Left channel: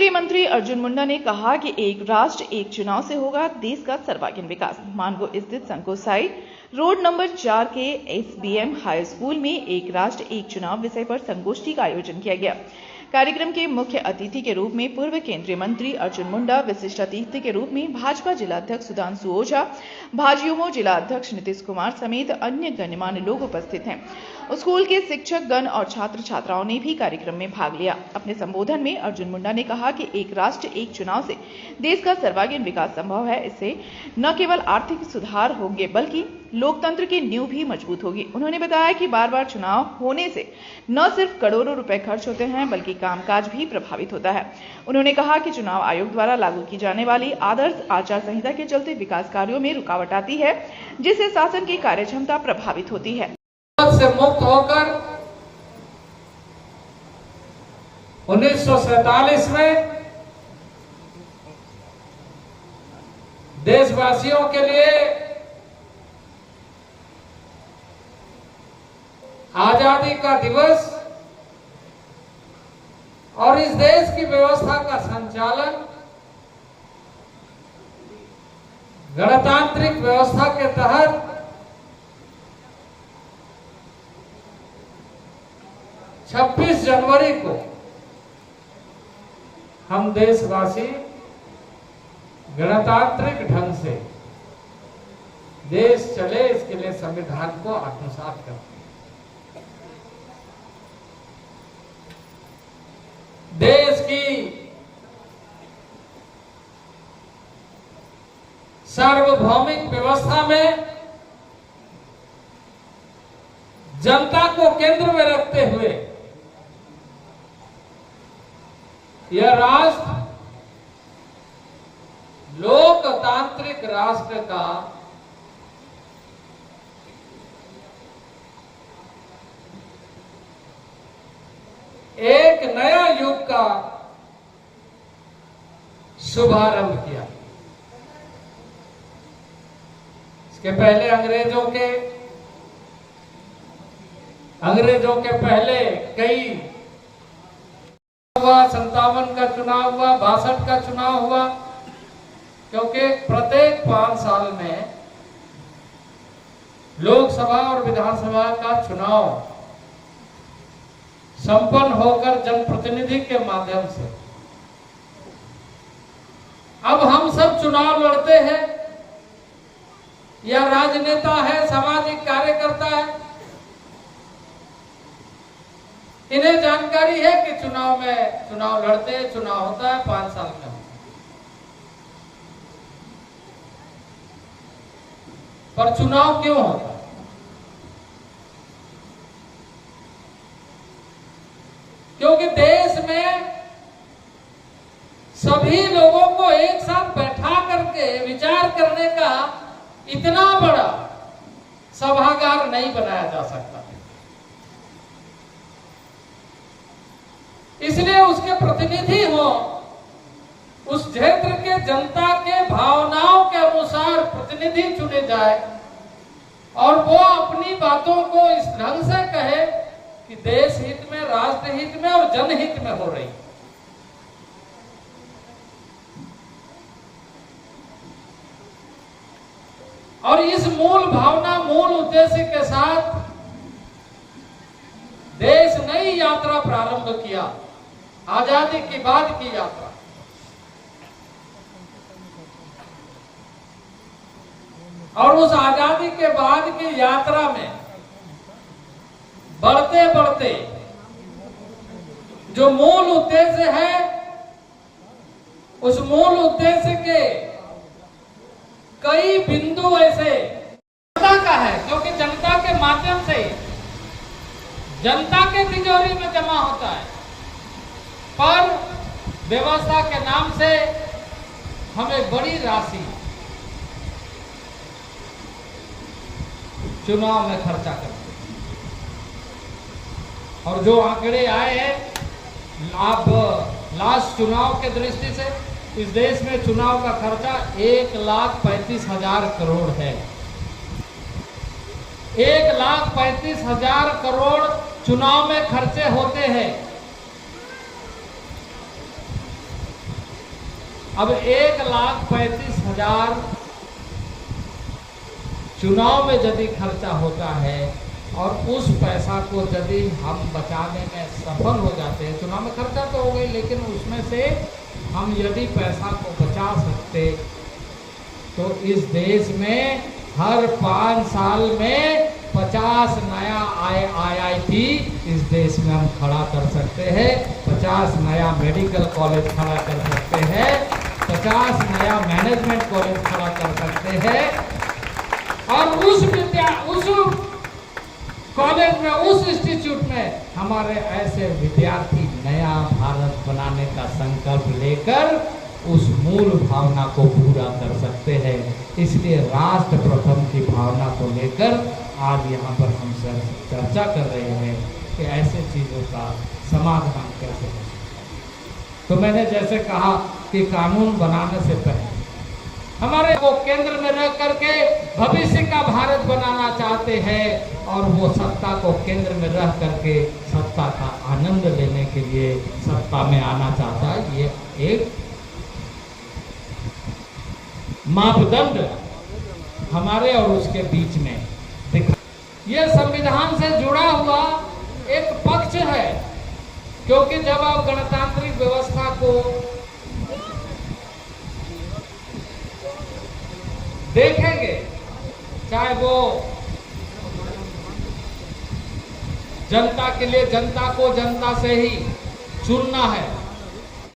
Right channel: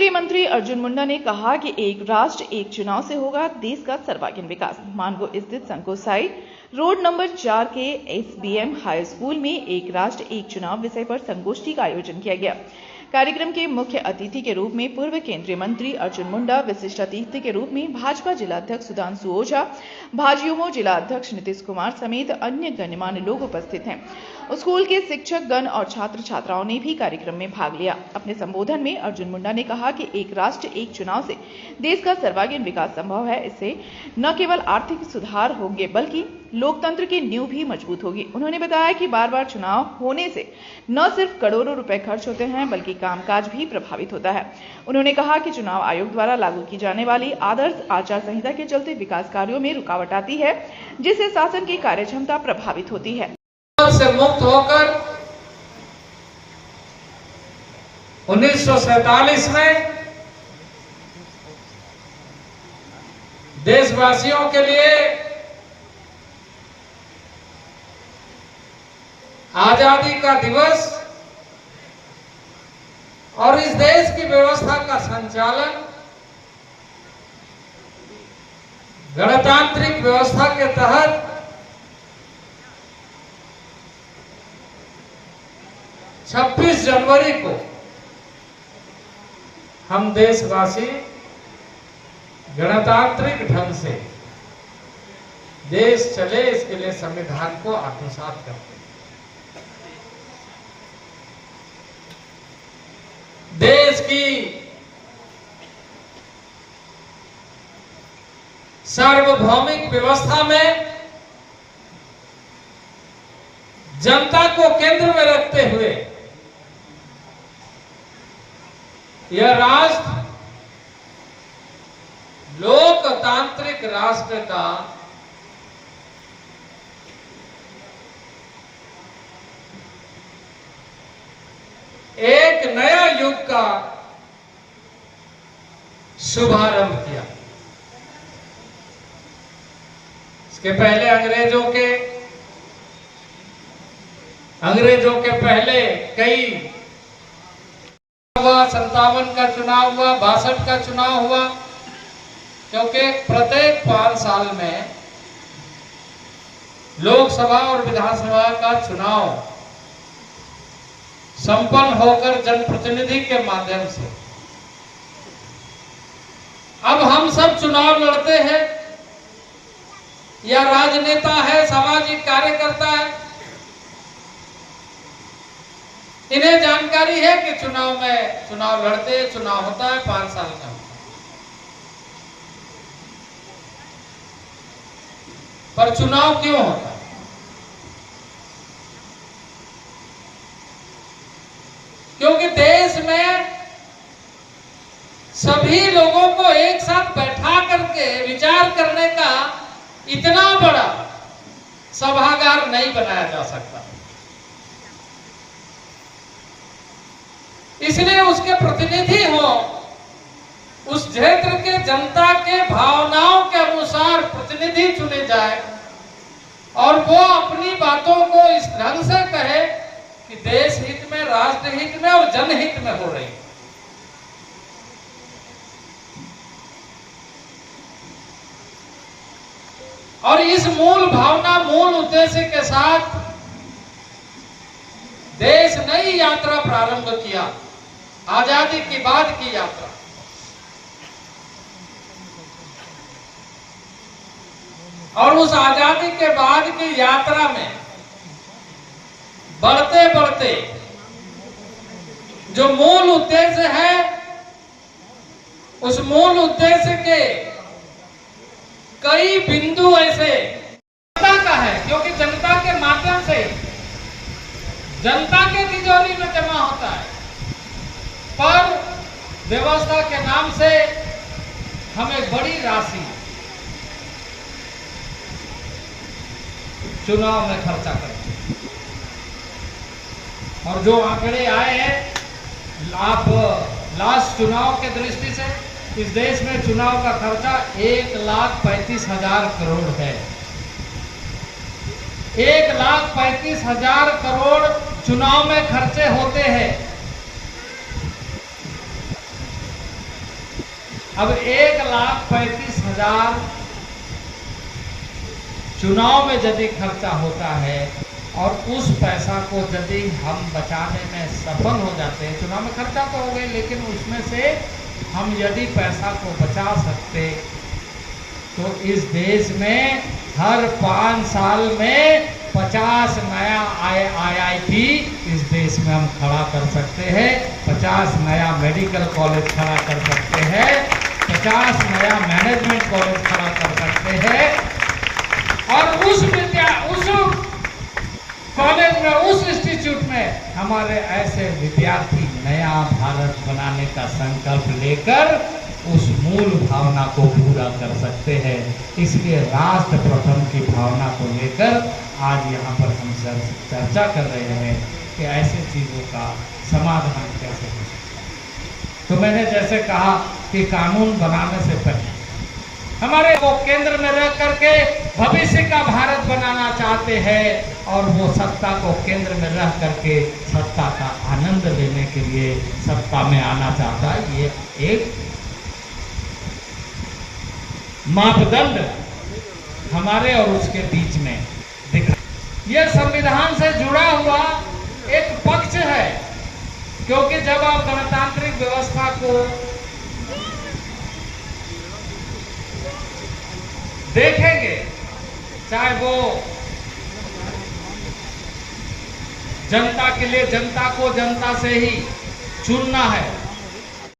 केंद्रीय मंत्री अर्जुन मुंडा ने कहा कि एक राष्ट्र एक चुनाव से होगा देश का सर्वांगीण विकास। मानगो स्थित संकोसाई रोड नंबर 4 के एसबीएम हाई स्कूल में एक राष्ट्र एक चुनाव विषय पर संगोष्ठी का आयोजन किया गया। कार्यक्रम के मुख्य अतिथि के रूप में पूर्व केंद्रीय मंत्री अर्जुन मुंडा, विशिष्ट अतिथि के रूप में भाजपा जिलाध्यक्ष सुधांशु ओझा, भाजयुमो जिलाध्यक्ष नीतीश कुमार समेत अन्य गणमान्य लोग उपस्थित हैं। स्कूल के शिक्षक गण और छात्र छात्राओं ने भी कार्यक्रम में भाग लिया। अपने संबोधन में अर्जुन मुंडा ने कहा कि एक राष्ट्र एक चुनाव से देश का सर्वांगीण विकास संभव है। इससे न केवल आर्थिक सुधार होंगे बल्कि लोकतंत्र की नींव भी मजबूत होगी। उन्होंने बताया कि बार बार चुनाव होने से न सिर्फ करोड़ों रुपए खर्च होते हैं बल्कि कामकाज भी प्रभावित होता है। उन्होंने कहा कि चुनाव आयोग द्वारा लागू की जाने वाली आदर्श आचार संहिता के चलते विकास कार्यों में रुकावट आती है, जिससे शासन की कार्यक्षमता प्रभावित होती है। से मुक्त होकर 1947 में देशवासियों के लिए आजादी का दिवस और इस देश की व्यवस्था का संचालन गणतांत्रिक व्यवस्था के तहत 26 जनवरी को हम देशवासी गणतांत्रिक ढंग से देश चले, इसके लिए संविधान को आत्मसात करते हैं। देश की सार्वभौमिक व्यवस्था में जनता को केंद्र में रखते हुए यह राष्ट्र लोकतांत्रिक राष्ट्र का एक नया युग का शुभारंभ किया। इसके पहले अंग्रेजों के पहले कई 57 का चुनाव हुआ, 62 का चुनाव हुआ, क्योंकि प्रत्येक 5 साल में लोकसभा और विधानसभा का चुनाव संपन्न होकर जनप्रतिनिधि के माध्यम से अब हम सब चुनाव लड़ते हैं। या राजनेता है, सामाजिक कार्यकर्ता है, इन्हें जानकारी है कि चुनाव लड़ते हैं, चुनाव होता है 5 साल का। पर चुनाव क्यों होता है? क्योंकि देश में सभी लोगों को एक साथ बैठा करके विचार करने का इतना बड़ा सभागार नहीं बनाया जा सकता। इसलिए उसके प्रतिनिधि हो, उस क्षेत्र के जनता के भावनाओं के अनुसार प्रतिनिधि चुने जाए और वो अपनी बातों को इस ढंग से कहे कि देश हित में, राष्ट्र हित में और जनहित में हो रही। और इस मूल भावना, मूल उद्देश्य के साथ देश नई यात्रा प्रारंभ किया, आजादी के बाद की यात्रा। और उस आजादी के बाद की यात्रा में बढ़ते बढ़ते जो मूल उद्देश्य है, उस मूल उद्देश्य के कई बिंदु ऐसे जनता का है, क्योंकि जनता के माध्यम से जनता के तिजोरी में जमा होता है, पर व्यवस्था के नाम से हमें बड़ी राशि चुनाव में खर्चा करते हैं। और जो आंकड़े आए हैं आप लास्ट चुनाव के दृष्टि से, इस देश में चुनाव का खर्चा 1,35,000 करोड़ है। 1,35,000 करोड़ चुनाव में खर्चे होते हैं। अब 1,35,000 चुनाव में यदि खर्चा होता है और उस पैसा को यदि हम बचाने में सफल हो जाते हैं, चुनाव में खर्चा तो हो गई, लेकिन उसमें से हम यदि पैसा को बचा सकते तो इस देश में हर 5 साल में 50 नया IIT इस देश में हम खड़ा कर सकते हैं, 50 नया मेडिकल कॉलेज खड़ा कर सकते हैं, 50 नया मैनेजमेंट कॉलेज खड़ा कर सकते हैं, और उस कॉलेज में, उस इंस्टीट्यूट में हमारे ऐसे विद्यार्थी नया भारत बनाने का संकल्प लेकर उस मूल भावना को पूरा कर सकते हैं। इसलिए राष्ट्र प्रथम की भावना को लेकर आज यहाँ पर हम चर्चा कर रहे हैं कि ऐसे चीज़ों का समाधान कैसे हो सकता है। तो मैंने जैसे कहा कि कानून बनाने से पहले हमारे वो केंद्र में रह करके भविष्य का भारत बनाना चाहते हैं, और वो सत्ता को केंद्र में रह करके सत्ता का आनंद लेने के लिए सत्ता में आना चाहता है। ये एक मापदंड हमारे और उसके बीच में दिख, ये संविधान से जुड़ा हुआ एक पक्ष है, क्योंकि जब आप गणतांत्रिक व्यवस्था को देखेंगे, चाहे वो जनता के लिए, जनता को जनता से ही चुनना है,